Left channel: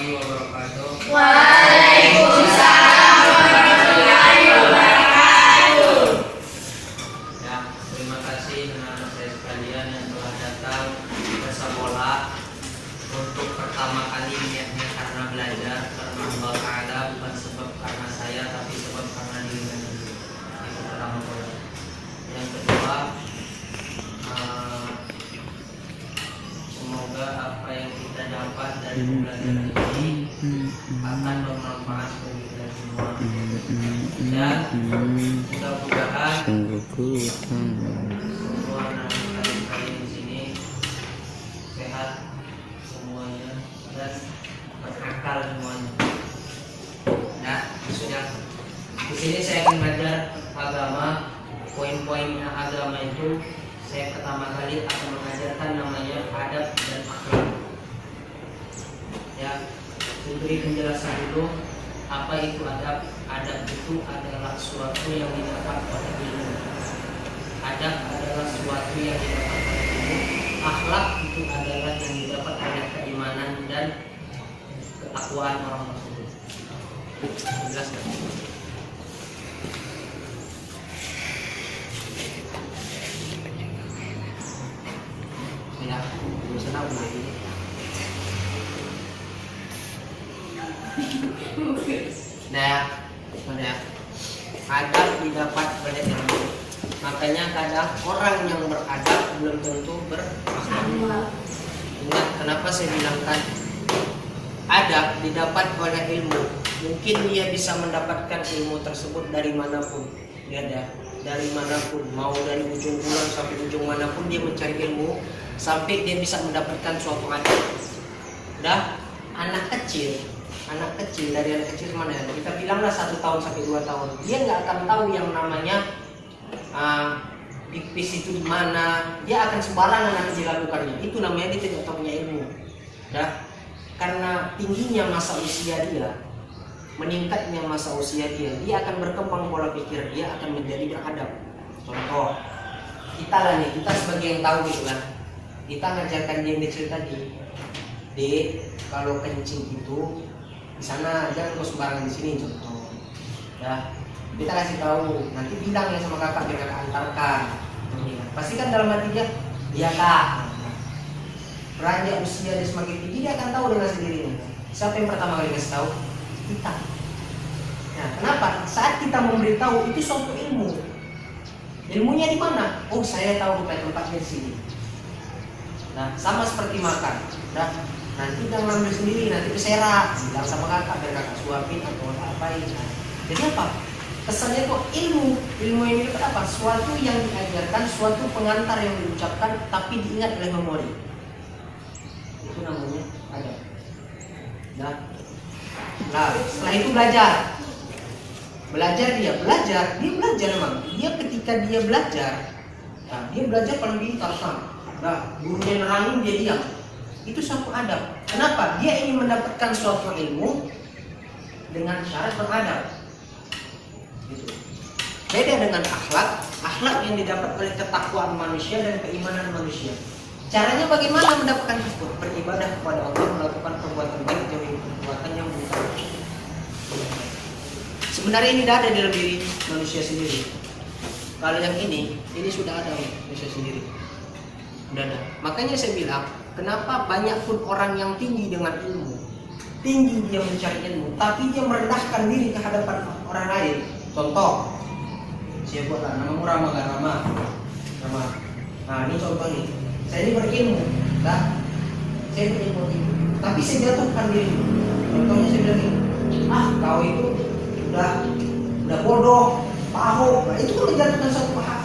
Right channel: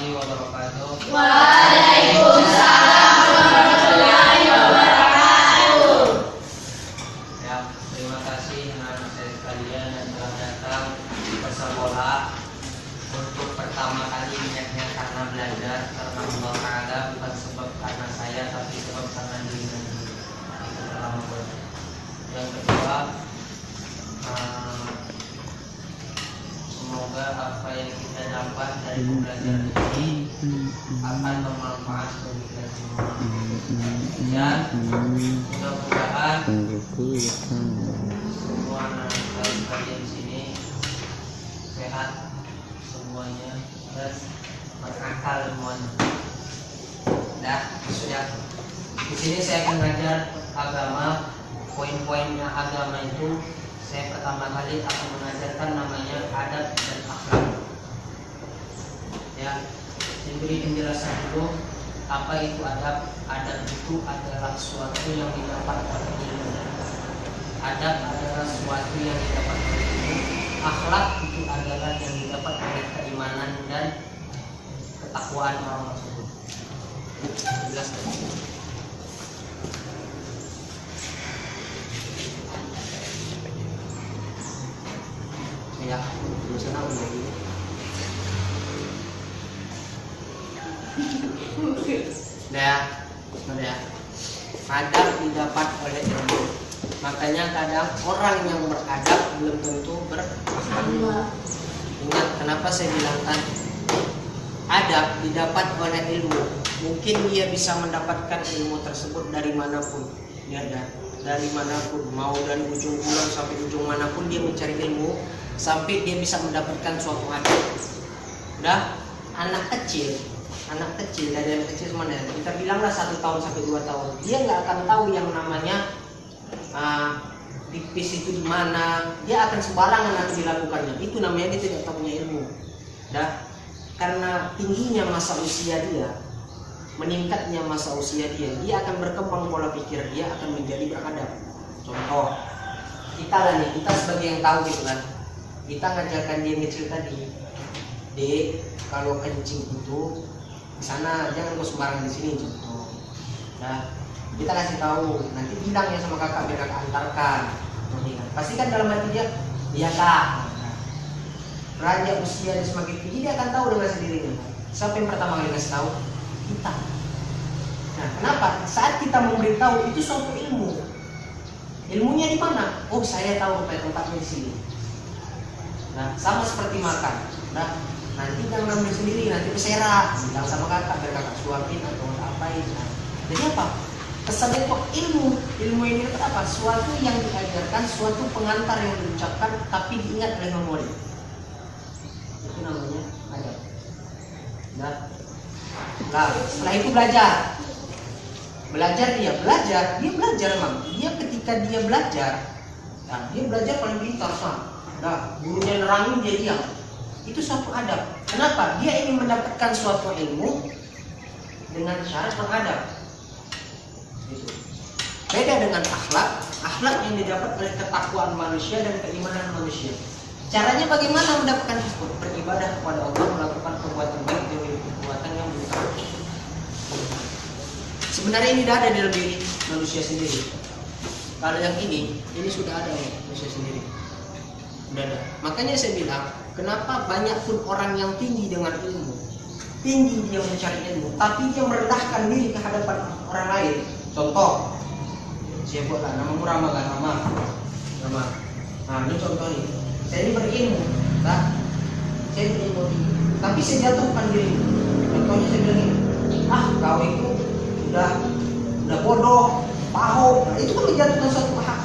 warahmatullahi wabarakatuh. Waalaikumsalam warahmatullahi wabarakatuh. Ya, terima kasih anak saya sekalian yang telah datang ke sekolah untuk pertama kali niatnya karena belajar karena Allah Ta'ala, bukan sebab karena saya tapi sebab karena dirinya sendiri. Itu pertama. Yang kedua, semoga apa yang kita dapat dari pembelajaran ini akan bermanfaat bagi kita semua, dan mudah-mudahan semua anak kalian di sini sehat semuanya dan berakal semuanya. Nah, sudah di sini saya akan mengajar agama. Poin-poinnya agama itu saya pertama kali akan mengajarkan namanya adab dan akhlak. Ya, diberi penjelasan dulu apa itu adab. Adab itu adalah sesuatu yang didapat oleh ilmu. Adab adalah sesuatu yang didapat oleh ilmu. Akhlak itu adalah yang didapat oleh keimanan dan ketakwaan orang tersebut. Jelas kan? Ya, terus kenapa lagi? Nah, ya. Adab didapat oleh ilmu. Makanya kadang orang yang beradab belum tentu berakhlak. Ingat kenapa saya bilangkan adab didapat oleh ilmu. Mungkin dia bisa mendapatkan ilmu tersebut dari manapun. Lihat ya, dari manapun, mau dari ujung pulau sampai ujung manapun dia mencari ilmu sampai dia bisa mendapatkan suatu adab. Dah, anak kecil dari anak kecil mana ya? Kita bilanglah 1 tahun sampai 2 tahun, dia nggak akan tahu yang namanya pipis itu di mana. Dia akan sembarangan nanti dilakukannya. Itu namanya dia tidak tahu punya ilmu. Dah, karena tingginya masa usia dia, meningkatnya masa usia dia akan berkembang pola pikir, dia akan menjadi beradab. Contoh, kita lah nih, kita sebagai yang tahu gitu kan, kita ngajarkan dia yang kecil tadi, Dek, kalau kencing itu di sana, jangan kau sembarangan di sini, contoh. Nah, kita kasih tahu, nanti bilang ya sama kakak biar kakak antarkan. Pasti kan dalam hati dia, iya kak. Beranjak usia dia semakin tinggi, dia akan tahu dengan sendirinya. Siapa yang pertama kali kasih tahu? Kita. Nah, kenapa? Saat kita memberitahu itu suatu ilmu. Ilmunya di mana? Oh, saya tahu tempatnya di sini. Nah, sama seperti makan. Nah, nanti jangan ambil sendiri, nanti berserakan. Bilang sama kakak biar kakak suapin atau apain. Nah, jadi apa? Kesannya itu ilmu. Ilmu ini dapat apa? Suatu yang diajarkan, suatu pengantar yang diucapkan tapi diingat oleh memori. Itu namanya adab. Nah, setelah itu belajar memang. Dia ketika dia belajar, nah, dia belajar paling pintar kan. Nah, gurunya nerangin dia diam. Itu suatu adab. Kenapa? Dia ingin mendapatkan suatu ilmu dengan syarat beradab. Gitu. Beda dengan akhlak. Akhlak yang didapat oleh ketakwaan manusia dan keimanan manusia. Caranya bagaimana mendapatkan beribadah kepada Allah, melakukan perbuatan baik dan perbuatan yang buruk. Sebenarnya ini sudah ada dalam diri manusia sendiri. Kalau yang ini sudah ada ya manusia sendiri. Sudah ada. Makanya saya bilang, kenapa banyak pun orang yang tinggi dengan ilmu, tinggi dia mencari ilmu, tapi dia merendahkan diri ke hadapan orang lain. Contoh, saya buatlah namamu Rama kan, Rama. Nah, ini contoh nih. Saya ini berilmu, nah, saya berilmu tinggi, tapi saya jatuhkan diri. Contohnya saya bilang ini, kau itu udah bodoh, pahok. Nah, itu kan menjatuhkan suatu hak.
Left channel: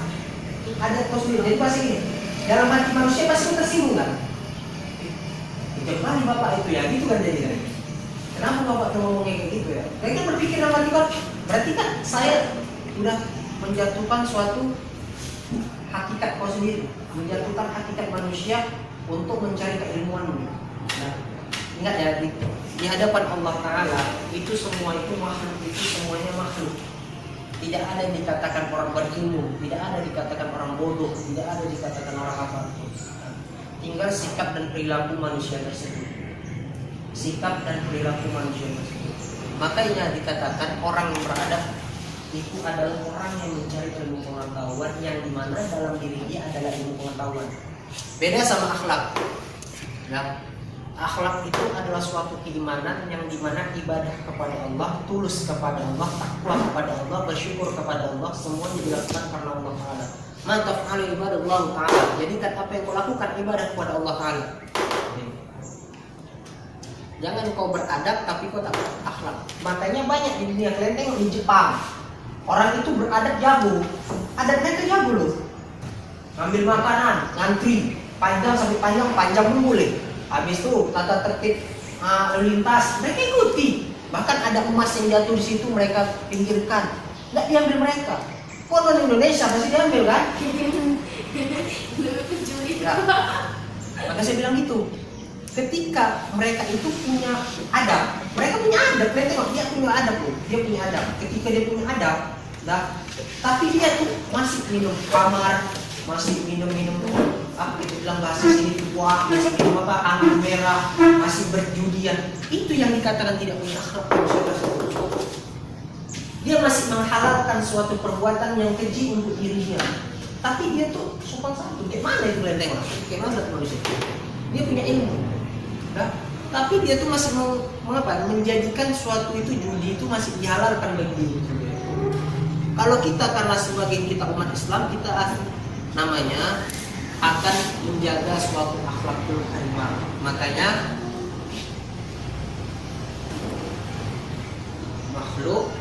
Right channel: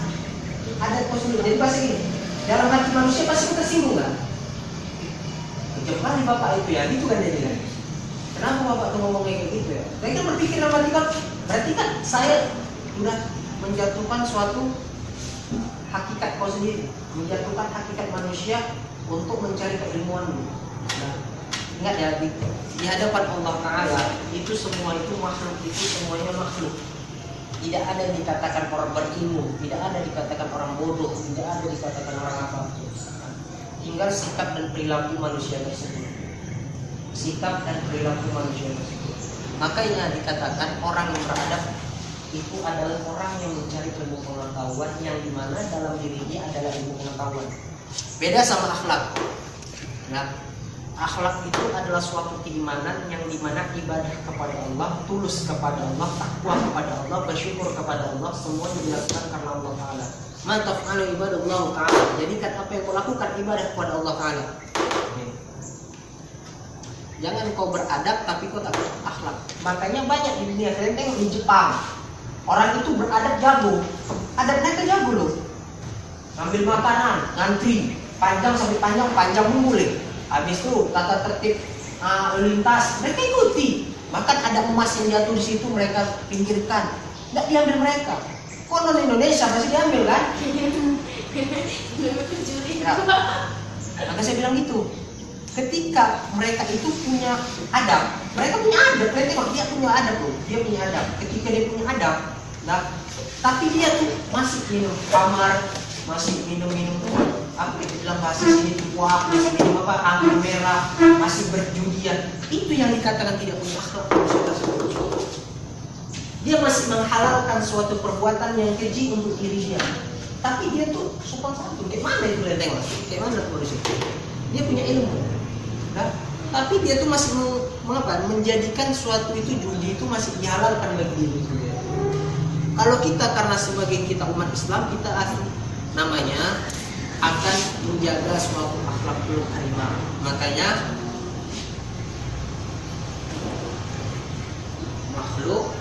Ada kau sendiri. Jadi pasti gini, dalam hati manusia pasti tersinggung kan? Kemarin bapak itu ya, gitu kan jadi kan? Kenapa bapak tuh ngomong kayak gitu ya? Saya kan berpikir sama dia, berarti kan saya udah menjatuhkan suatu hakikat kau sendiri, menjatuhkan hakikat manusia untuk mencari keilmuan. Nah, ingat ya, di hadapan Allah Ta'ala itu semua itu makhluk, itu semuanya makhluk. Tidak ada yang dikatakan orang berilmu, tidak ada dikatakan orang bodoh, tidak ada dikatakan orang apa. Tinggal sikap dan perilaku manusia tersebut. sikap dan perilaku manusia tersebut. Makanya dikatakan orang yang beradab itu adalah orang yang mencari ilmu pengetahuan yang dimana dalam diri dia adalah ilmu pengetahuan. Beda sama akhlak. Nah, akhlak itu adalah suatu keimanan yang dimana ibadah kepada Allah, tulus kepada Allah, takwa kepada Allah, bersyukur kepada Allah, semua dilakukan karena Allah Ta'ala. Mantap kalau ibadah Allah Ta'ala. Jadikan apa yang kau lakukan ibadah kepada Allah Ta'ala. Jangan kau beradab tapi kau tak berakhlak. Makanya banyak di dunia, kalian tengok di Jepang, orang itu beradab jago, adab mereka jago loh. Ngambil makanan, ngantri, panjang sampai panjang pun boleh. Habis itu tata tertib lalu lintas mereka ikuti. Bahkan ada emas yang jatuh di situ mereka pinggirkan, nggak diambil mereka. Kok non Indonesia pasti diambil kan? Ya. Maka saya bilang gitu. Ketika mereka itu punya adab, mereka punya adab, mereka tengok dia punya adab loh, dia punya adab. Ketika dia punya adab, nah, tapi dia tuh masih minum kamar, masih minum apa itu bilang bahasa sini tuak, masih minum apa anggur merah, masih berjudian. Itu yang dikatakan tidak punya akhlak manusia tersebut. Dia masih menghalalkan suatu perbuatan yang keji untuk diri dia. Tapi dia tuh sopan santun. Kayak mana itu kalian tengok? Kayak mana manusia? Dia punya ilmu. Nah, tapi dia tuh masih menjadikan suatu itu judi itu masih dihalalkan bagi diri sendiri. Kalau kita karena sebagai kita umat Islam kita namanya akan menjaga suatu akhlakul karimah. Makanya makhluk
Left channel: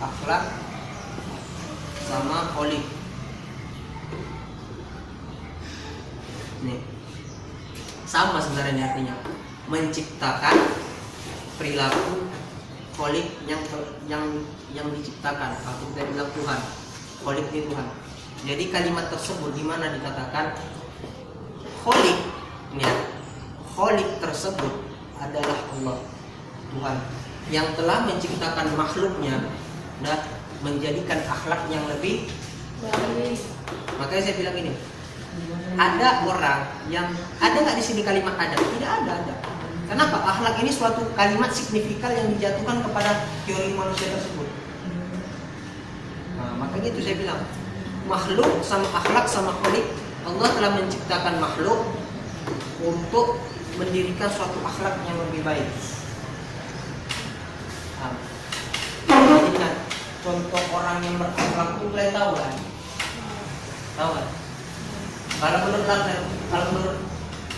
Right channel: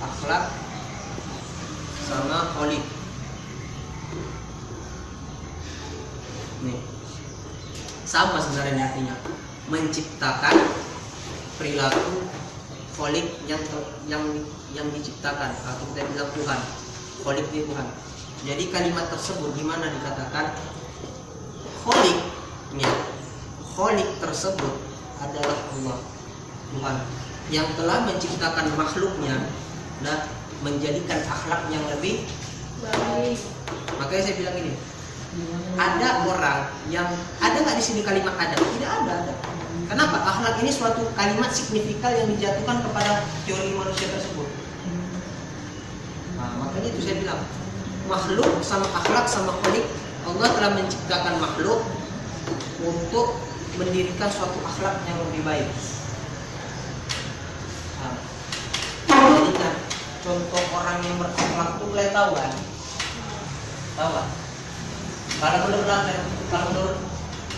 akhlak sama kholik. Nih, sama sebenarnya artinya menciptakan perilaku kholik yang diciptakan atau kita bilang Tuhan. Kholik itu Tuhan. Jadi kalimat tersebut di mana dikatakan kholik, ya, kholik tersebut adalah Allah, Tuhan yang telah menciptakan makhluknya dan menjadikan akhlak yang lebih baik. Makanya saya bilang ini, ada orang yang ada nggak di sini kalimat adab? Tidak ada. Kenapa? Akhlak ini suatu kalimat signifikan yang dijatuhkan kepada teori manusia tersebut. Nah, makanya itu saya bilang makhluk sama akhlak sama kholik. Allah telah menciptakan makhluk untuk mendirikan suatu akhlak yang lebih baik. Jadi kan contoh orang yang berakhlak itu kalian tahu kan? Tahu kan? Kalau menurut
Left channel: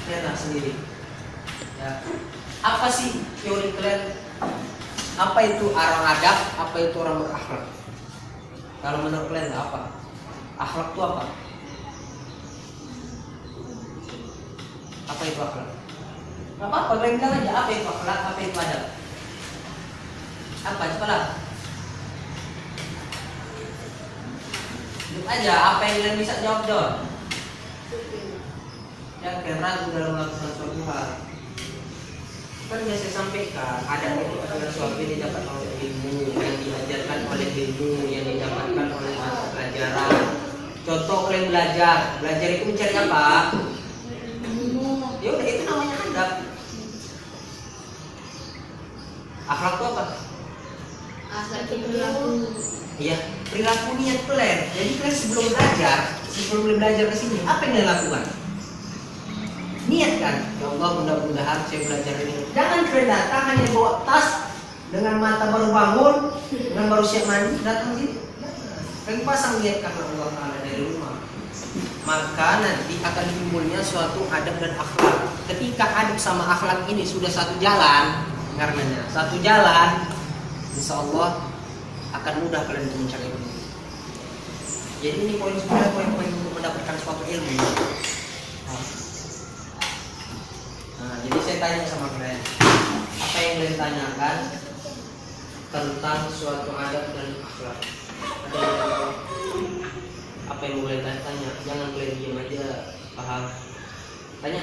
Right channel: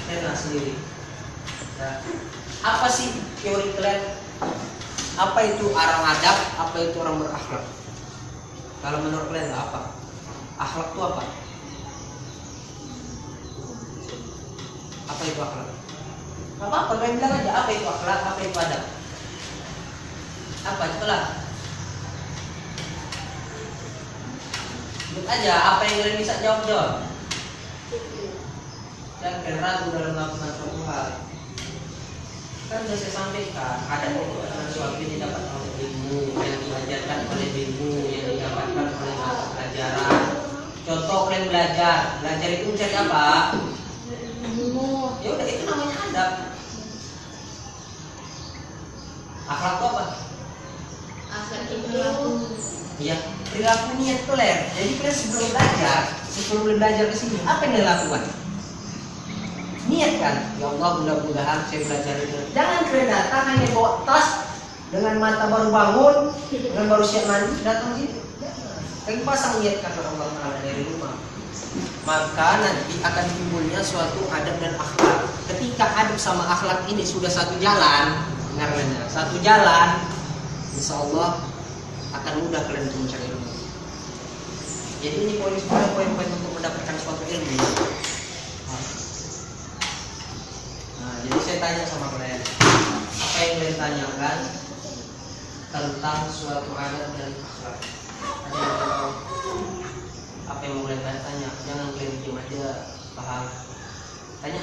Lena sendiri, ya, apa sih teori kalian? Apa itu orang adab? Apa itu orang berakhlak? Kalau menurut kalian apa? Akhlak itu apa? Apa itu akhlak? Apa kalian bilang aja apa itu akhlak? Apa itu adab? Apa itulah? Jawab aja apa yang kalian bisa jawab dong. Dan ragu dalam melakukan suatu hal. Kan sudah saya sampaikan, adab itu adalah suatu yang didapatkan oleh ilmu, yang diajarkan oleh ilmu, yang didapatkan oleh mata pelajaran. Contoh kalian belajar itu mencari apa? Ya udah, itu namanya adab. Akhlak itu apa? Akhlak itu perilaku. Iya, perilaku niat kalian. Jadi kalian sebelum belajar ke sini, apa yang kalian lakukan? Niat kan? Ya Allah, mudah-mudahan saya belajar ini. Jangan kalian datang hanya bawa tas dengan mata baru bangun, dengan baru siap mandi, datang sini. Kalian pasang niat karena Allah Ta'ala dari rumah. Maka nanti akan timbulnya suatu adab dan akhlak. Ketika adab sama akhlak ini sudah satu jalan, karena satu jalan, insya Allah akan mudah kalian untuk mencari ilmu. Jadi ini poin-poin untuk mendapatkan suatu ilmu. Nah, jadi saya tanya sama kalian, apa yang kalian tanyakan tentang suatu adab dan akhlak? Ada yang tahu? Apa yang mau kalian tanya? Jangan kalian diam aja, paham? Tanya.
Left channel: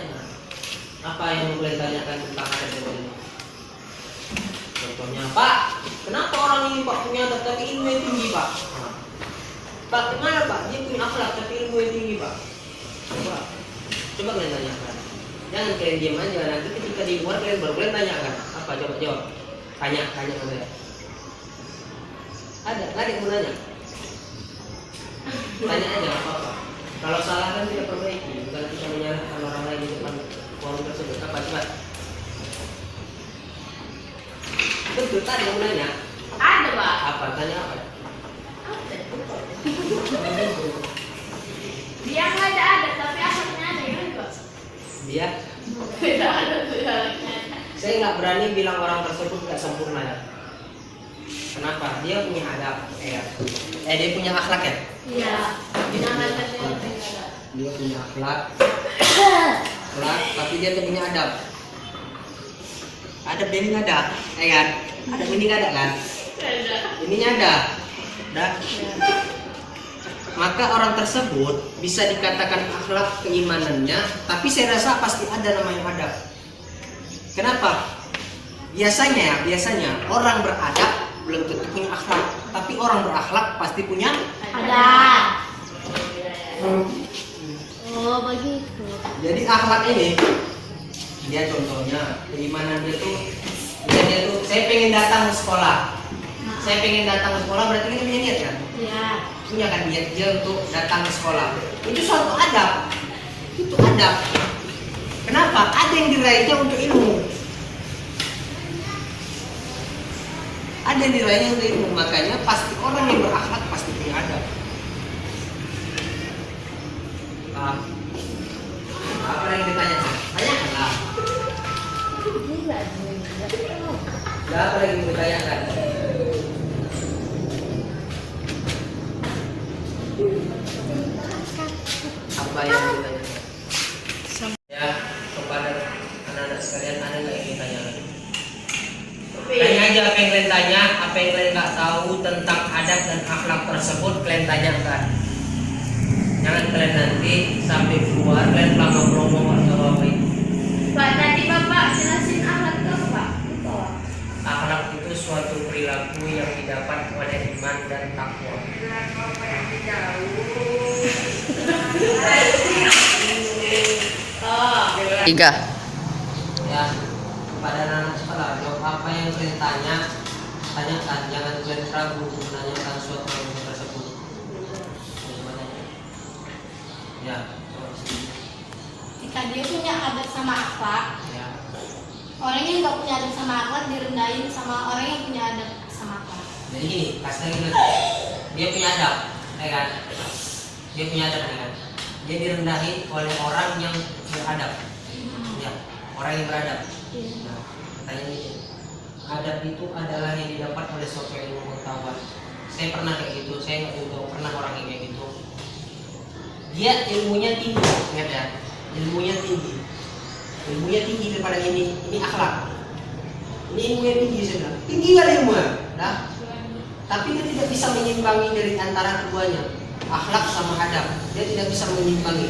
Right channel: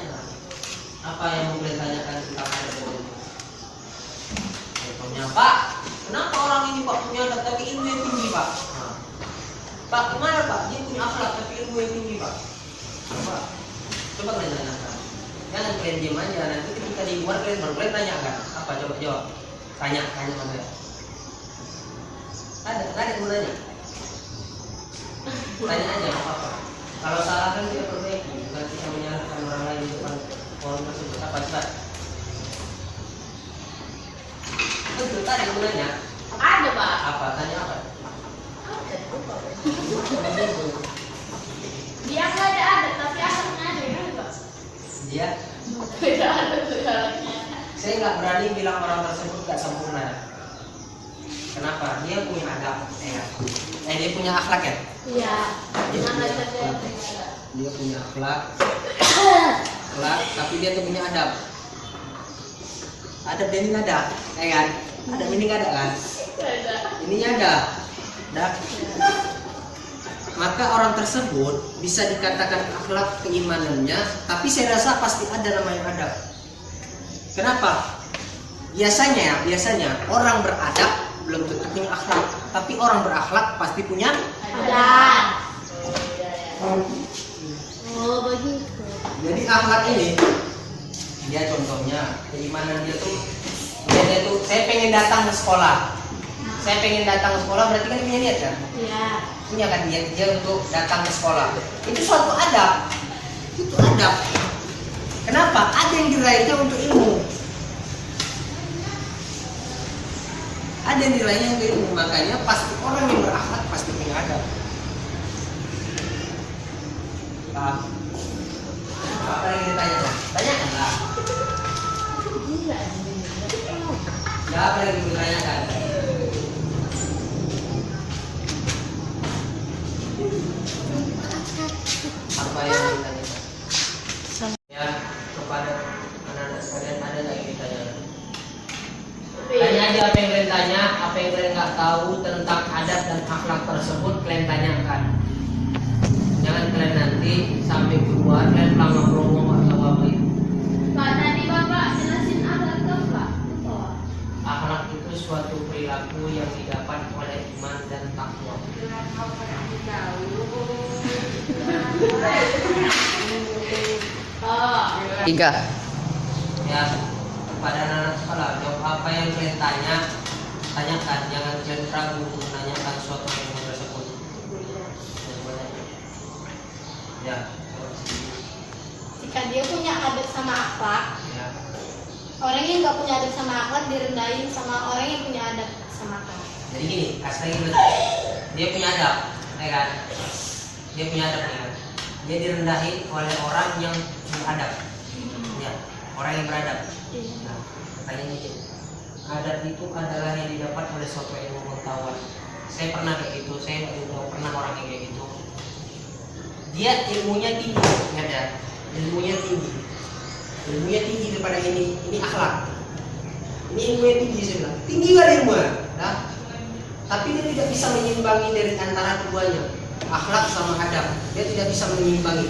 Apa yang mau kalian tanyakan tentang adab dan ilmu? Contohnya, Pak, kenapa orang ini Pak punya adab tapi ilmu yang tinggi Pak? Nah, Pak, gimana Pak? Dia punya akhlak tapi ilmu yang tinggi Pak. Coba kalian tanyakan. Jangan kalian diam aja. Nanti ketika di luar kalian baru kalian tanyakan. Apa? Coba jawab. Tanya sama saya. Ada yang mau nanya? Tanya aja apa-apa. Kalau salah kan kita perbaiki, bukan kita menyalahkan orang lain di depan forum tersebut. Apa coba? Betul, tadi yang mau nanya. Ada, Pak. Apa? Tanya apa? Dia nggak ada, tapi asalnya ada juga. Dia? Tidak ada sejarahnya. Saya nggak berani bilang orang tersebut nggak sempurna. Kenapa? Dia punya adab, ya. Dia punya akhlak ya? Iya. Dia Yang punya ada akhlak. Dia punya akhlak, tapi dia tidak punya adab. Adab dia ini nggak ada, ya kan? Adab ini nggak ada kan? Ada. Ininya ada, dah. Maka orang tersebut bisa dikatakan akhlak keimanannya, tapi saya rasa pasti ada namanya adab. Kenapa? Biasanya orang beradab belum tentu punya akhlak, tapi orang berakhlak pasti punya. Ada. Oh, begitu. Jadi akhlak ini, dia contohnya keimanan dia tuh, saya pengen datang ke sekolah. Saya pengen datang ke sekolah berarti kan punya niat kan? Iya. Punya kan niat dia untuk datang ke sekolah. Itu suatu adab. Itu adab. Kenapa? Ada yang diraihnya untuk ilmu. Ada yang diraihnya untuk ilmu. Makanya pasti orang yang berakhlak pasti punya adab. Apa yang ditanya? Tanyakanlah. Ya, apa yang ditanyakan? Apa yang ditanyakan? Ya, kepada anak-anak sekalian ada nggak yang ditanyakan? Tanya aja apa yang kalian tanya, apa yang kalian nggak tahu tentang adat dan akhlak tersebut kalian tanyakan. Jangan kalian nanti sampai keluar kalian pelanggan promo atau apa itu. Pak, tadi Bapak jelasin akhlak itu apa? Betul. Akhlak itu suatu perilaku yang didapat oleh iman dan takwa. Tiga. Ya, kepada anak sekolah, jawab apa yang kalian tanyakan, jangan kalian ragu untuk menanyakan suatu ilmu tersebut. Ya, coba sini. Jika dia punya adat sama akhlak, Ya, orang yang nggak punya adat sama akhlak direndahin sama orang yang punya adat sama akhlak. jadi gini, kasih lagi dulu. Dia punya adab, ya kan? Dia punya adab, ya kan? Dia direndahi oleh orang yang beradab. Ya, orang yang beradab. Nah, pertanyaan ini, adab itu adalah yang didapat oleh suatu ilmu pengetahuan. Saya pernah kayak gitu, saya nggak tahu pernah orang yang kayak gitu. Dia ilmunya tinggi, ingat ya, ilmunya tinggi daripada ini akhlak. Ini ilmunya tinggi saya bilang, tinggi kali ilmunya, nah. Tapi dia tidak bisa menyimbangi dari antara keduanya, akhlak sama adab. Dia tidak bisa menyimbangi.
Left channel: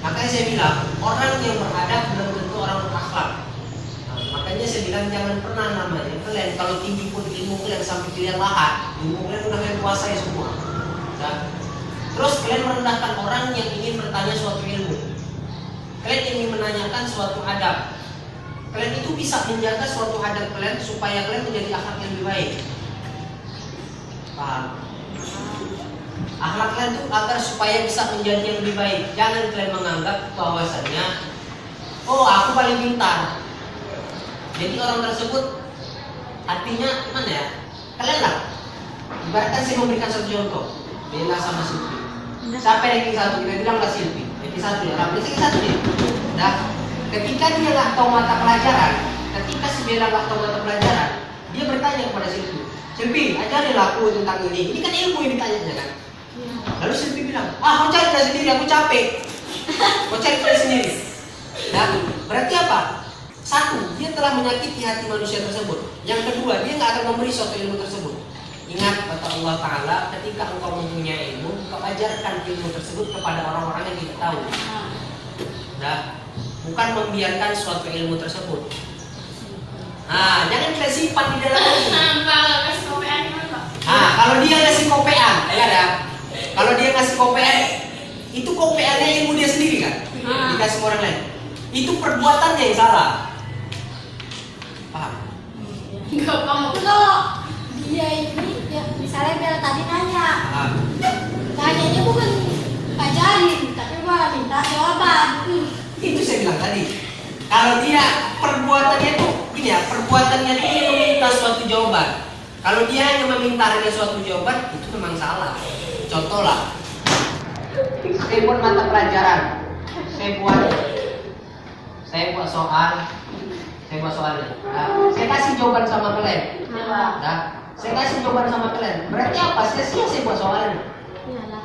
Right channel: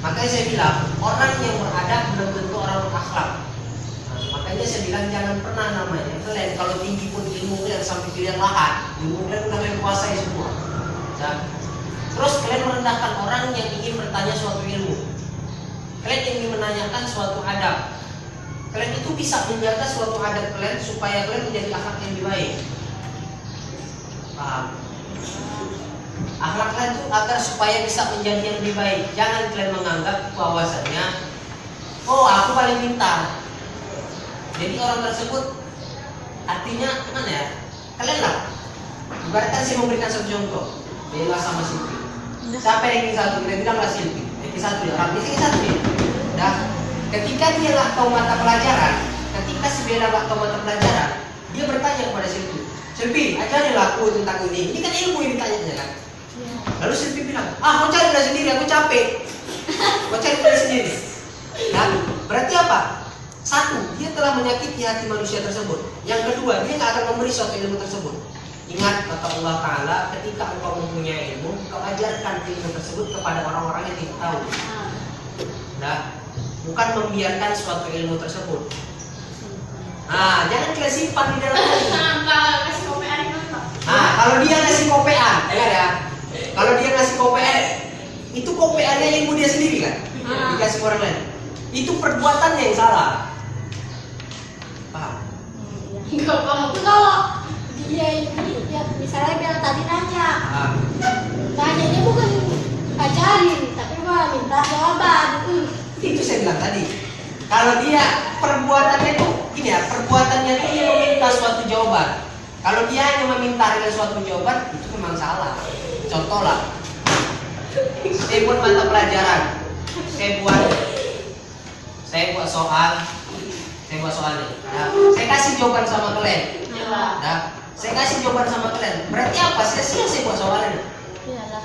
Makanya saya bilang orang yang beradab belum tentu orang berakhlak. Nah, makanya saya bilang jangan pernah namanya kalian kalau tinggi pun ilmu kalian sampai kalian lahat, ilmu kalian udah kalian kuasai semua. Dan terus kalian merendahkan orang yang ingin bertanya suatu ilmu. Kalian ingin menanyakan suatu adab. Kalian itu bisa menjaga suatu adab kalian supaya kalian menjadi akhlak yang lebih baik. Paham? Akhlak kalian itu agar supaya bisa menjadi yang lebih baik. Jangan kalian menganggap bahwasanya oh aku paling pintar. Jadi orang tersebut artinya mana ya? Kalian lah. Ibaratkan saya memberikan satu contoh. Lela sama Silvi. Siapa ranking 1? Kita bilang lah Silvi. Ranking 1 ya. Ranking 1 nih. Nah, ketika dia nggak tahu mata pelajaran, ketika si Bella nggak tahu mata pelajaran, dia bertanya kepada Silvi. Silvi, ajarilah aku tentang ini. Ini kan ilmu yang ditanya kan? Lalu Silvi bilang, kau cari dari sendiri, aku capek. Kau cari dari sendiri. Nah, berarti apa? Satu, dia telah menyakiti hati manusia tersebut. Yang kedua, dia nggak akan memberi suatu ilmu tersebut. Ingat kata Allah Ta'ala, ketika engkau mempunyai ilmu, engkau ajarkan ilmu tersebut kepada orang-orang yang tidak tahu. Nah, bukan membiarkan suatu ilmu tersebut. Nah, jangan kita simpan di dalam hati. Nah, kalau dia ngasih kopean, ya. Kalau dia ngasih kopean, itu kopeannya ilmu dia sendiri kan? Dikasih ke orang lain. Itu perbuatannya yang salah. Paham? Enggak paham. Tapi kalau dia ini ya, misalnya dia tadi nanya, Paham. nanyanya bukan ajarin, tapi malah minta jawaban. Itu saya bilang tadi. Kalau dia perbuatannya itu gini ya, perbuatannya itu dia meminta suatu jawaban. Kalau dia hanya meminta hanya suatu jawaban, itu memang salah. Contoh lah, saya buat mata pelajaran, saya buat soalnya. Nah, saya kasih jawaban sama kalian. Nah, saya kasih jawaban sama kalian. Berarti apa? Sia-sia saya buat soalnya. Iyalah.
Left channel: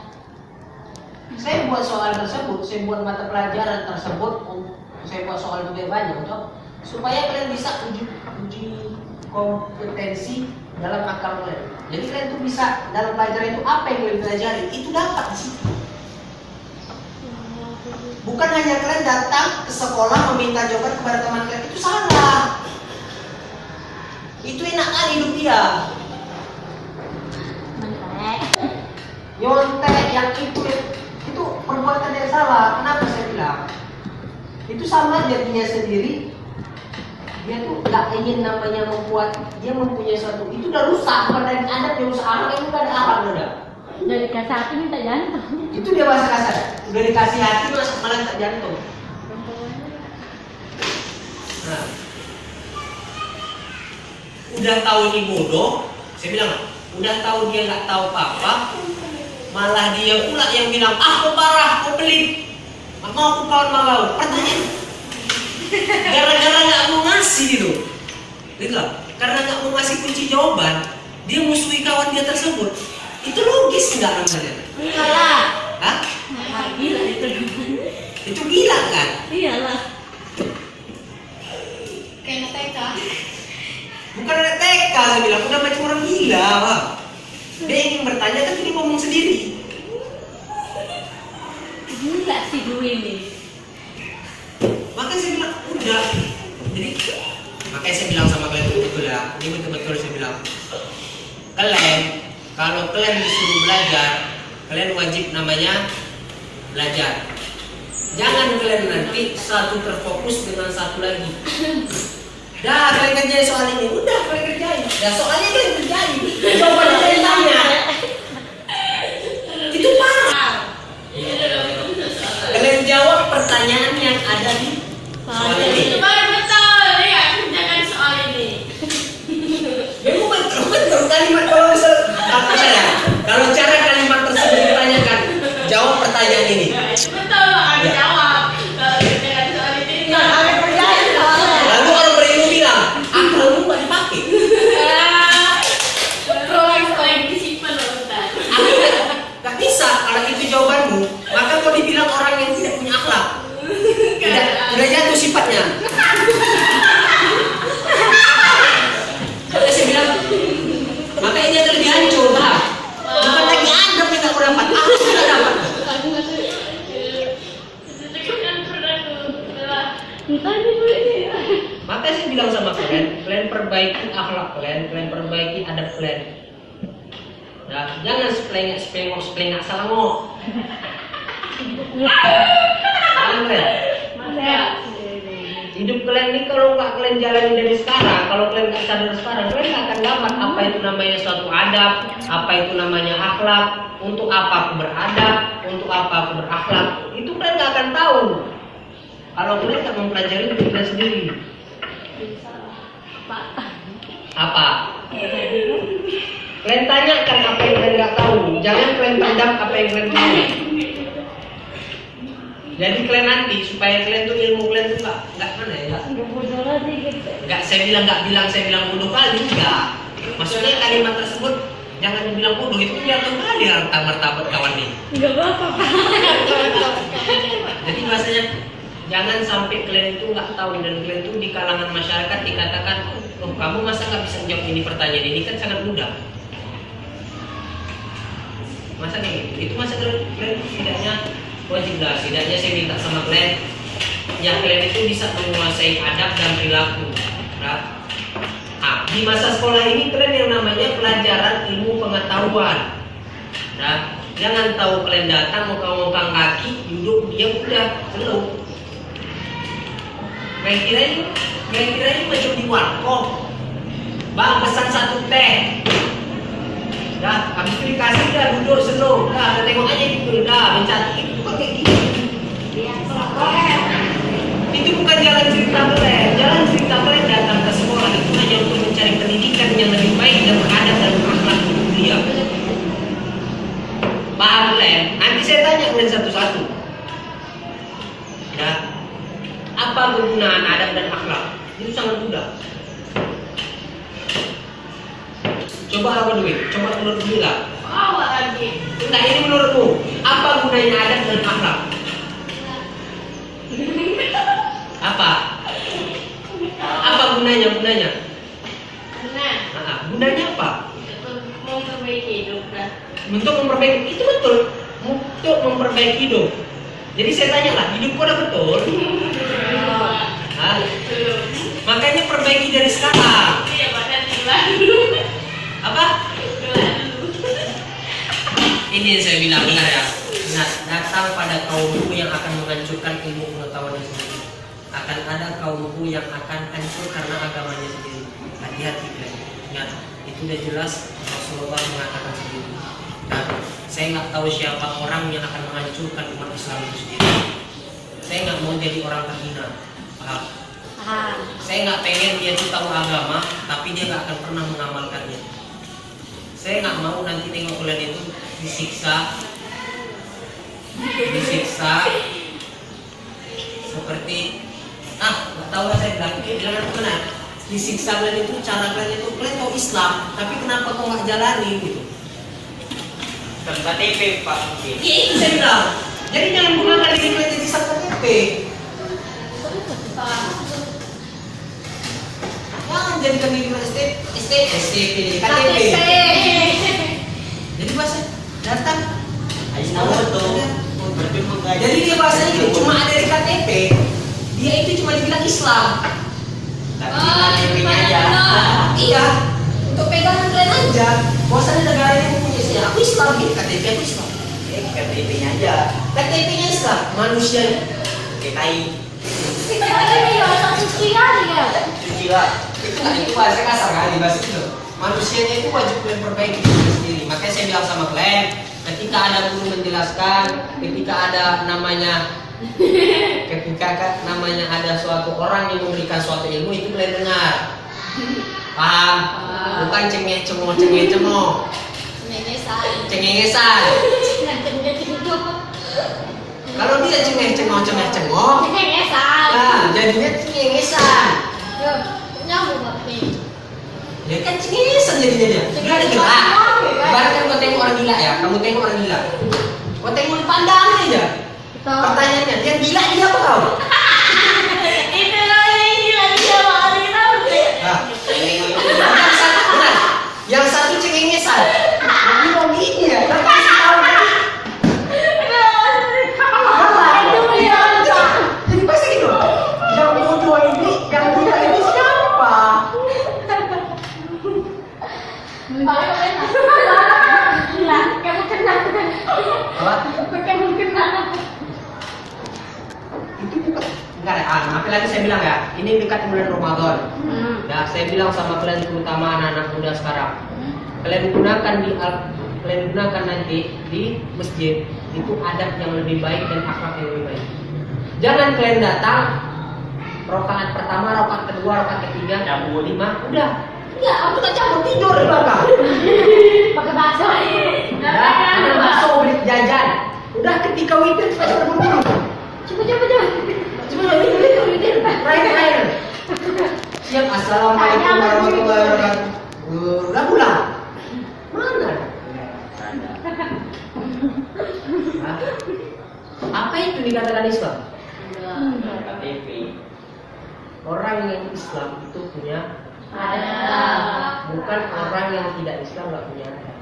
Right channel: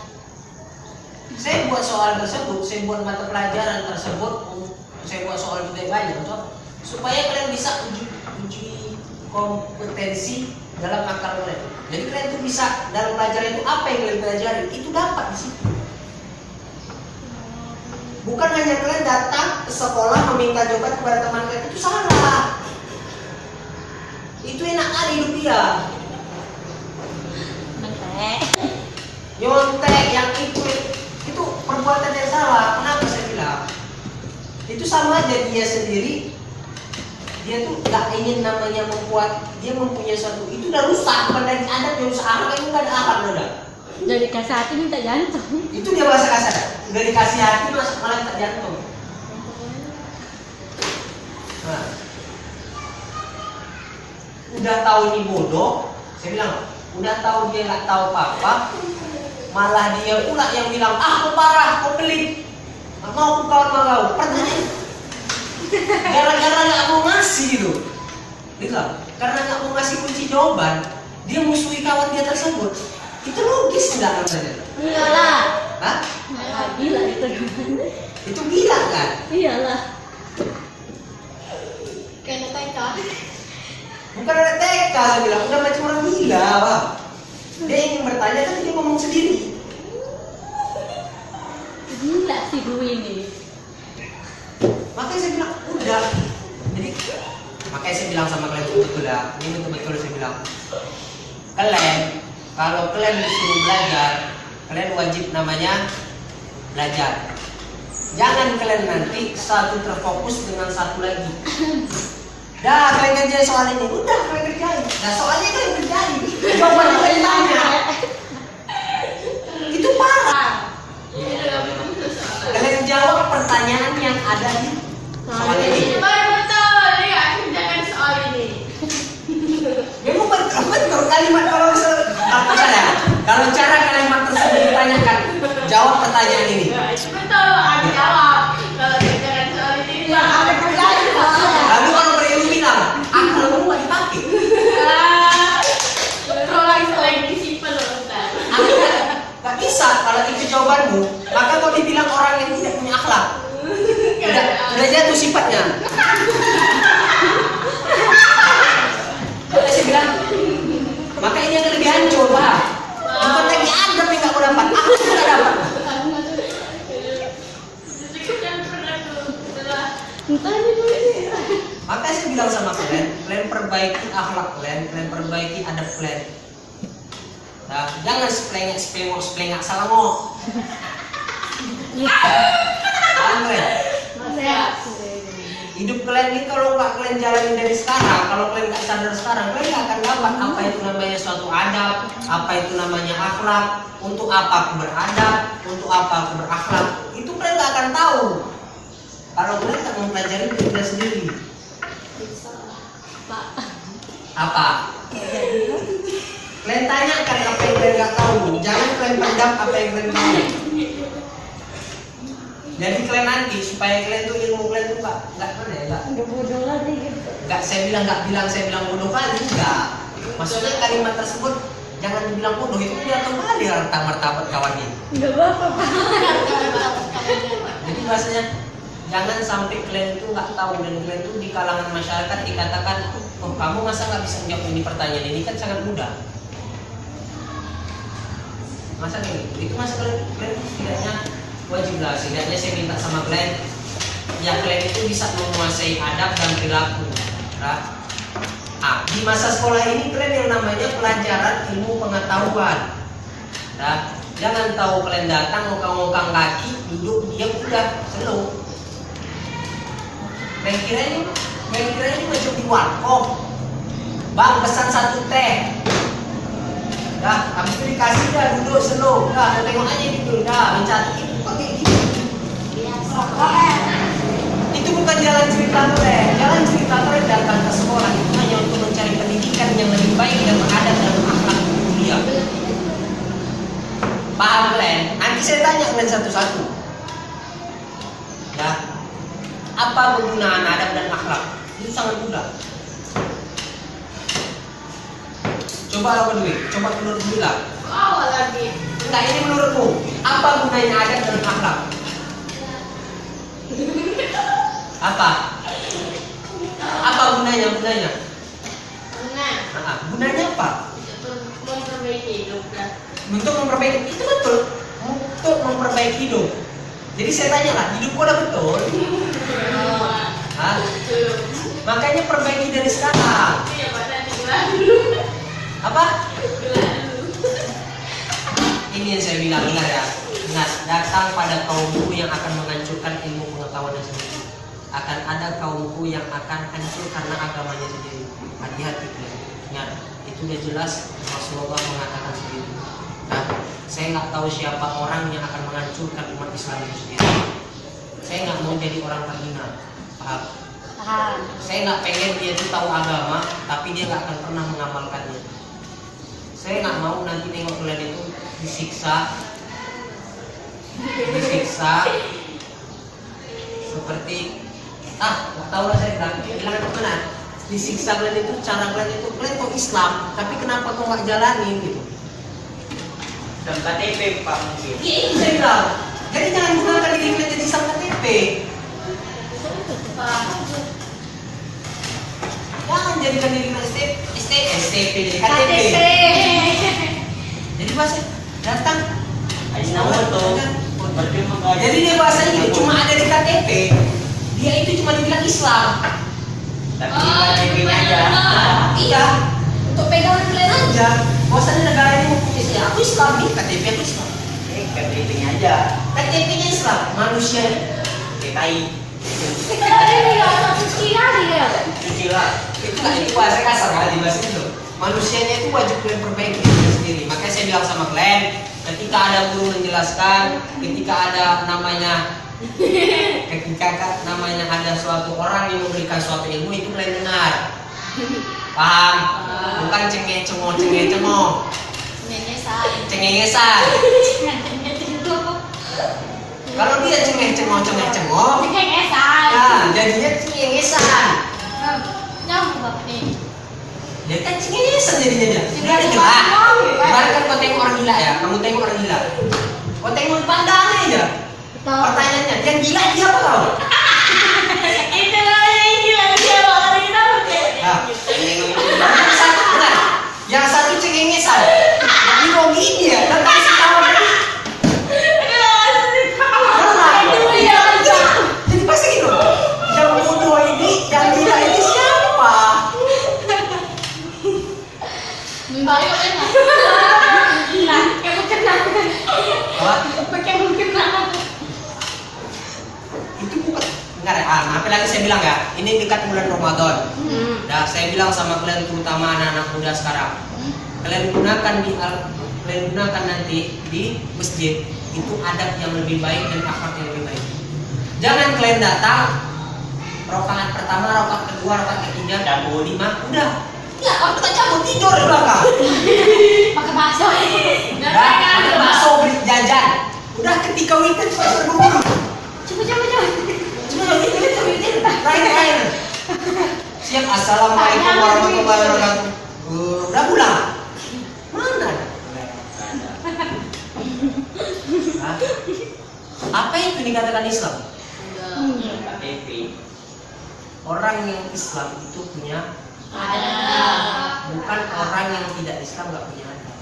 Saya buat soal tersebut, saya buat mata pelajaran tersebut, saya buat soal lebih banyak untuk supaya kalian bisa uji kompetensi dalam akal kalian. Jadi kalian itu bisa dalam pelajaran itu apa yang kalian pelajari itu dapat di situ. Bukan hanya kalian datang ke sekolah meminta jawaban kepada teman kalian, itu salah. Itu enak kali hidup dia. Nyontek yang itu perbuatan yang salah. Kenapa saya bilang? Itu sama aja dia sendiri. Dia tuh gak ingin namanya membuat, dia mempunyai satu, itu udah rusak. Bukan dari adat yang rusak, anak itu gak ada akal udah. Jadi kasih hati minta jantung. Itu dia bahasa kasar. Udah dikasih hati malah minta jantung. Nah, udah tahu ini bodoh, saya bilang, udah tahu dia nggak tahu apa-apa, malah dia pula yang bilang, kau parah, kau pelit, nggak mau aku kawan sama kau. Pertanyaan, gara-gara nggak mau ngasih gitu, karena nggak mau ngasih kunci jawaban, dia musuhi kawan dia tersebut. Itu logis nggak namanya? Iyalah. Hah? Gila itu. Itu gila kan? Iyalah. Kayak TK. Bukan ada TK, saya bilang, udah macam orang gila, Pak. Dia ingin bertanya kan dia ngomong sendiri. Gila sih gue ini. Makanya saya bilang, udah. Jadi, makanya saya bilang sama kalian betul ya. Ini betul-betul saya bilang. Kalian, kalau kalian disuruh belajar, kalian wajib namanya belajar. Jangan kalian nanti satu terfokus dengan satu lagi. Dah, kalian kerjain soal ini. Udah, kalian kerjain. Nah, soalnya kalian kerjain. Jawabannya kalian tanya. Itu parah. Kalian jawab pertanyaan yang ada di soal ini. Betul, ya, kerjakan soal ini. Memang betul kalimat kalau kalau cara kalimat tersebut ditanyakan, jawab pertanyaan ini. Betul, ada jawab. Kalau kerjakan soal ini, Lalu kalau berilmu bilang, akalmu nggak dipakai. Prolang disimpan loh, Ustaz. Nggak bisa kalau itu jawabanmu, maka mau dibilang orang yang tidak punya akhlak. Udah jatuh sifatnya. Makanya saya bilang, makanya dia lebih hancur, Pak. Bukan lagi adab yang nggak dapat, aku nggak dapat. Makanya saya bilang sama kalian, kalian perbaiki akhlak kalian perbaiki adab kalian. Nah, jangan seplengak salah ngomong. Hidup kalian ini kalau nggak kalian jalani dari sekarang, kalau kalian nggak sadar sekarang, kalian nggak akan dapat apa itu namanya suatu adab, apa itu namanya akhlak, untuk apa aku beradab, untuk apa aku berakhlak. Itu kalian nggak akan tahu kalau kalian nggak mempelajari diri kalian sendiri. Apa? Kalian tanyakan apa yang kalian nggak tahu, jangan kalian pendam apa yang kalian tahu. Jadi kalian nanti supaya kalian tuh ilmu kalian tuh nggak mana ya nggak saya bilang bodoh kali enggak. Maksudnya kalimat tersebut jangan dibilang bodoh, itu dia kembali harta martabat kawan nih. Enggak apa-apa. Jadi bahasanya jangan sampai kalian itu nggak tahu dan kalian itu di kalangan masyarakat dikatakan, oh kamu masa nggak bisa jawab ini pertanyaan ini kan sangat mudah. Masa kayak gitu? Itu masa kalian setidaknya wajib lah, setidaknya saya minta sama kalian ya kalian itu bisa menguasai adab dan perilaku. Nah, Di masa sekolah ini kalian yang namanya pelajaran ilmu pengetahuan. Nah, jangan tahu kalian datang ngokang-ngokang kaki, duduk diam udah slow. Main kira ini macam di warkop. Bang pesan 1 teh. Dah, habis itu dikasih dah duduk slow. Dah tengok aja gitu. Dah mencari itu bukan kayak gitu. Itu bukan jalan cerita kalian. Jalan cerita kalian datang ke sekolah itu hanya untuk mencari pendidikan yang lebih baik dan beradab dan berakhlak yang mulia. Paham kalian? Nanti saya tanya kalian satu-satu. Ya, apa kegunaan adab dan akhlak? Itu sangat mudah. Coba apa duit? Coba menurut Bila. Awal lagi. Enggak, ini menurutmu. Apa gunanya adab dan akhlak? Apa? Apa gunanya? Nah, Gunanya apa? mau memperbaiki hidup kan. Untuk memperbaiki, itu betul. Untuk memperbaiki hidup. Jadi saya tanya lah, hidup kau udah betul? Hah? Makanya perbaiki dari sekarang. Apa? Ini yang saya bilang, dengar ya. Ingat, datang pada kaumku yang akan menghancurkan ilmu pengetahuannya sendiri. Akan ada kaumku yang akan hancur karena agamanya sendiri. Hati-hati kalian. Ingat, itu udah jelas Rasulullah mengatakan sendiri. Nah, saya nggak tahu siapa orang yang akan menghancurkan umat Islam itu sendiri. Saya nggak mau jadi orang terhina, paham? Saya nggak pengen dia tuh tahu agama, tapi dia nggak akan pernah mengamalkannya. Saya nggak mau nanti nengok kalian itu disiksa seperti nggak tahu lah, saya bilang itu benar. Disiksa kalian itu cara kalian itu kalian tahu Islam, tapi kenapa kau nggak jalani gitu? KTP Pak mungkin. Iya itu saya bilang. Jadi jangan gunakan diri kalian jadi sang KTP. Jangan jadikan diri kalian STP jadi KTP. Jadi bahasa datang. Ayo nama tuh. Berjumpa guys. Jadi dia bahasanya itu cuma ada di KTP. Dia itu cuma dibilang Islam. Tapi KTP-nya aja. Iya. Untuk pegangan kalian aja. Bahwasanya negara ini mempunyai Islam. Aku Islam nih, KTP aku Islam. KTP-nya aja. KTP-nya Islam, manusia PKI. Cuci lah. itu bahasa kasar kali bahasa itu. Manusianya itu wajib kalian perbaiki diri sendiri. Makanya saya bilang sama kalian, ketika ada guru menjelaskan, ketika ada namanya ada suatu orang yang memberikan suatu ilmu, itu kalian dengar. Paham? Bukan cengeng-cengong. Cengengesan. Kalau dia cengeng-cengong, nah jadinya cengengesan. Nyambung bapak nih. Ya kan cengengesan jadinya dia. Nggak ada gila. Baru kan kau tengok orang gila ya, kamu tengok orang gila. Kau tengok di pandangan aja. Pertanyaannya, yang gila dia apa kau? Yang satu cengengesan. Ini mau gini ya, dan kasih tahu tadi. Jadi pasti gitu. Yang bodoh ini, yang gila ini siapa? Itu bukan. Enggak ya, apalagi saya bilang ya, ini dekat bulan Ramadan. Nah, saya bilang sama kalian terutama anak-anak muda sekarang, kalian gunakan nanti di masjid itu adab yang lebih baik dan akhlak yang lebih baik. Jangan kalian datang rakaat pertama, rakaat kedua, rakaat ketiga, Cabut. 5, udah. Ya, aku tak cabut tidur di belakang. Pakai bakso. Ada bakso beli jajan. Udah ketika weekend pasti berburu. Coba weekend. Rain. Siap, assalamualaikum warahmatullahi wabarakatuh. Udah pulang. Mana? Hah? Apa itu dikatakan Islam? KTP. Orang yang Islam itu punya bukan orang yang tidak Islam nggak punya adab.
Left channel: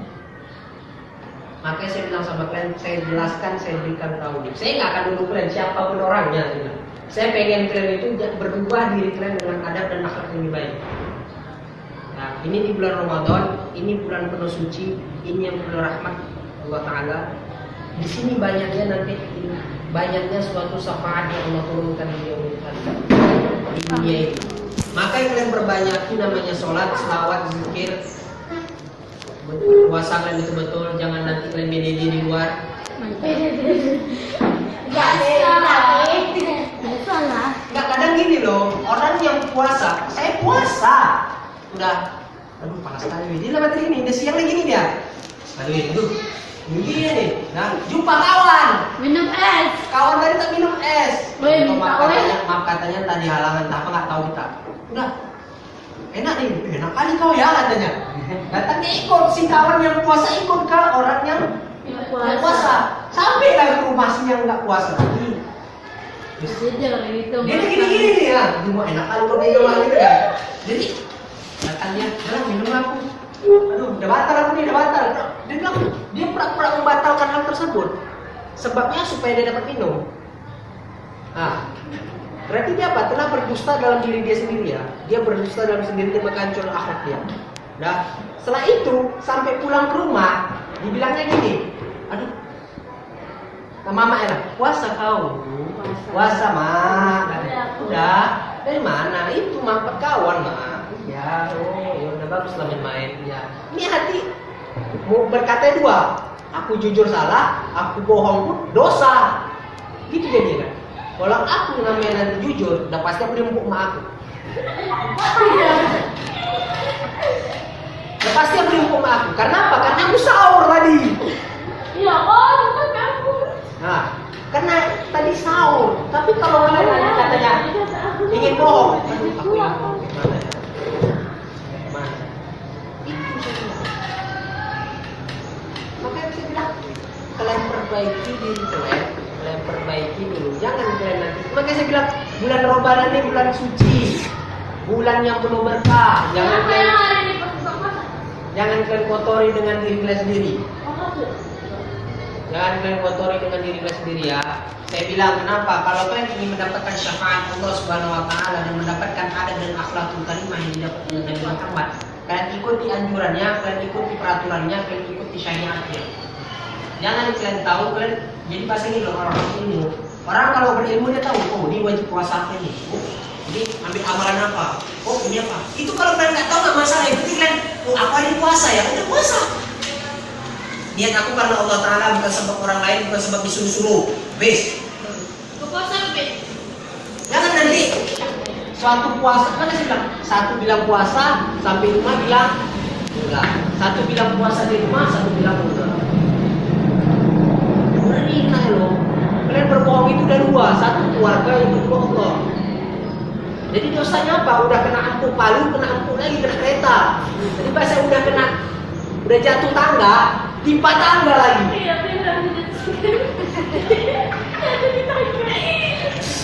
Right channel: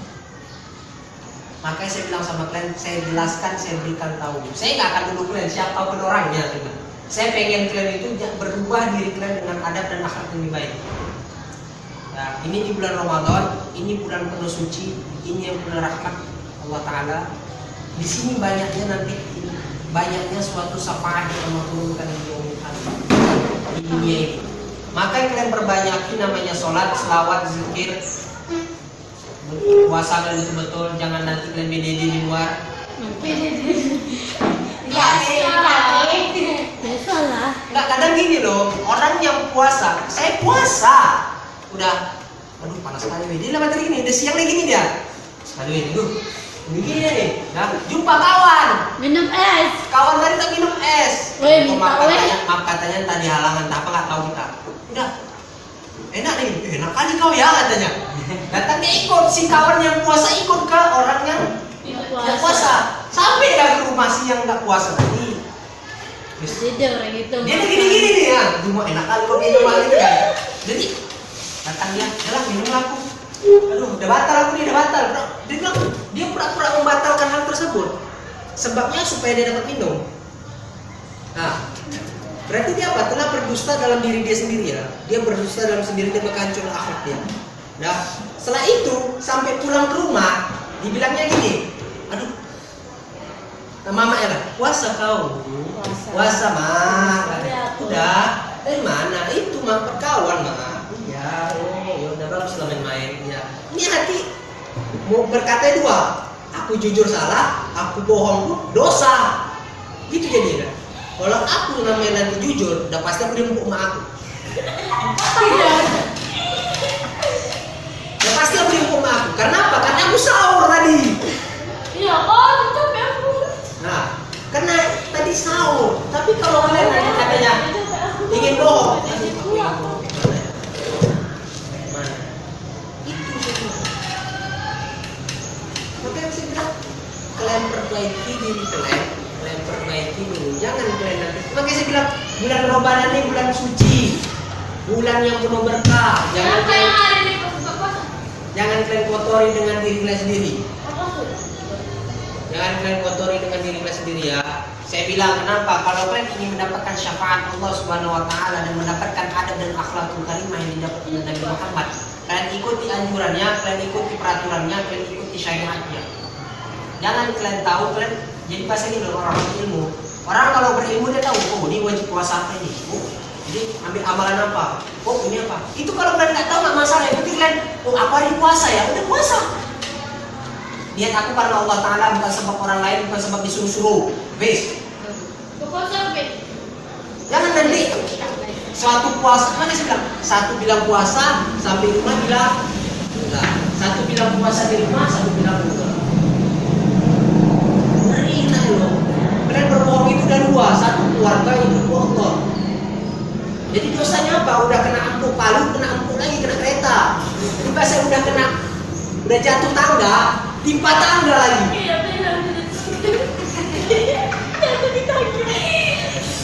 Makanya saya bilang sama kalian, saya jelaskan, saya berikan tahu. Saya nggak akan duduk kalian siapapun orangnya. Gitu. Saya pengen kalian itu berubah diri kalian dengan adab dan akhlak yang lebih baik. Nah, ini di bulan Ramadan, ini bulan penuh suci, ini yang bulan rahmat Allah Ta'ala. Di sini banyaknya suatu syafaat yang Allah turunkan di dunia ini. Maka yang kalian perbanyaki namanya sholat, selawat, zikir, puasa kalian betul-betul, jangan nanti kalian beda di luar. Nggak, kadang gini loh, orang yang puasa, saya puasa, udah, aduh panas sekali, dia lama tadi ini, udah siang lagi gini dia, aduh, begini nih, nah jumpa kawan, Minum es. kawan tadi tak minum es, Weh, minta maaf katanya tadi halangan, apa nggak tahu kita, udah, enak nih, enak kali kau ya katanya, datangnya ikut si kawan yang puasa ikut ke orang yang nggak puasa, sampai lagi ke rumah si yang nggak puasa tadi. Jadi orang itu. Dia tuh gini-gini nih ya, cuma enak kali kok minum gitu kan. Jadi datang dia, jalan minum aku. Aduh, udah batal aku nih, udah batal. Dia pura-pura membatalkan hal tersebut. Sebabnya supaya dia dapat minum. Nah, berarti dia apa? Telah berdusta dalam diri dia sendiri ya. Dia berdusta dalam sendiri dan menghancur akhlak dia. Nah, setelah itu sampai pulang ke rumah, dibilangnya gini, aduh, mama ya, puasa kau, puasa mak, udah, dari mana? Itu mampet kawan mak, ya, oh, udah bagus lah main-main, ya. Ini hati mau berkata dua, aku jujur salah, aku bohong pun dosa, gitu jadinya. Kalau aku namanya nanti jujur, udah pasti aku diempuk mak aku. Udah pasti aku diempuk mak aku. Karena apa? Karena aku sahur tadi. Iya, oh, capek aku. Nah, karena tadi sahur. Tapi kalau kalian nanti katanya ingin bohong, aduh, aku yang bohong gimana ya? Mana? Itu semua. Makanya saya bilang, kalian perbaiki diri kalian perbaiki dulu. Jangan kalian nanti. Makanya saya bilang, bulan Ramadan ini bulan suci, bulan yang penuh berkah. Jangan kalian kotori dengan diri kalian sendiri. Jangan kalian kotori dengan diri kalian sendiri ya. Saya bilang kenapa? Kalau kalian ingin mendapatkan syafaat Allah Subhanahu Wa Taala dan mendapatkan adab dan akhlakul karimah yang didapat oleh Nabi Muhammad, kalian ikuti anjurannya, kalian ikuti peraturannya, kalian ikuti syariatnya. Jangan kalian tahu kalian jadi bahasa ini loh orang berilmu. Orang kalau berilmu dia tahu, oh ini wajib puasa ini. Oh, jadi ambil amalan apa? Oh ini apa? Itu kalau kalian nggak tahu nggak masalah. Yang penting kalian, oh apa ini puasa ya? Udah puasa. Lihat aku karena Allah Ta'ala, bukan sebab orang lain, bukan sebab disuruh-suruh. Bes. Jangan nanti suatu puasa, mana sih bilang? Satu bilang puasa, sampai rumah bilang enggak. Satu bilang puasa di rumah, satu bilang enggak. Berina loh. Kalian berbohong itu ada dua, satu keluarga, yang kedua Allah. Jadi dosanya apa? Udah kena empuk palu, kena empuk lagi, kena kereta. Jadi pas saya udah jatuh tangga, timpa tangga lagi.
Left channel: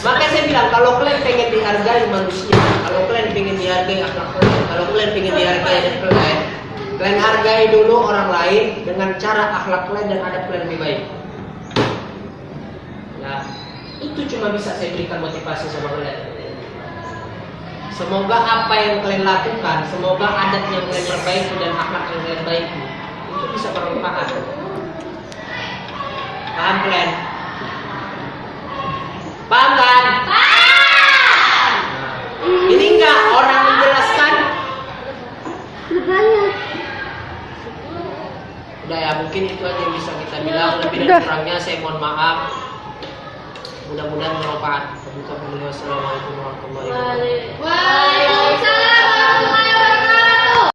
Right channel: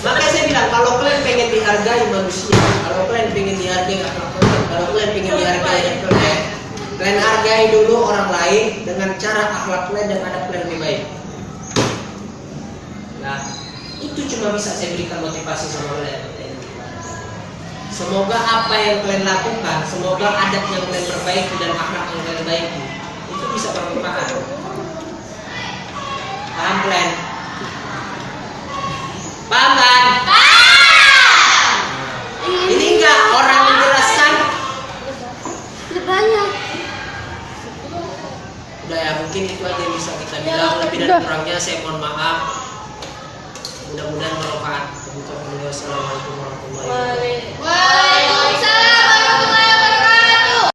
Makanya saya bilang kalau kalian pengen dihargai manusia, kalau kalian pengen dihargai akhlak kalian, kalau kalian pengen dihargai kalian hargai dulu orang lain dengan cara akhlak kalian dan adab kalian lebih baik. Nah, itu cuma bisa saya berikan motivasi sama kalian. Semoga apa yang kalian lakukan, semoga adab yang kalian perbaiki dan akhlak yang kalian baiki itu bisa bermanfaat. Paham kalian? Paham kan? Ini enggak orang menjelaskan. Banyak. Udah ya, mungkin itu aja yang bisa kita bilang. Lebih dan kurangnya saya mohon maaf. Mudah-mudahan bermanfaat. Wassalamualaikum warahmatullahi wabarakatuh.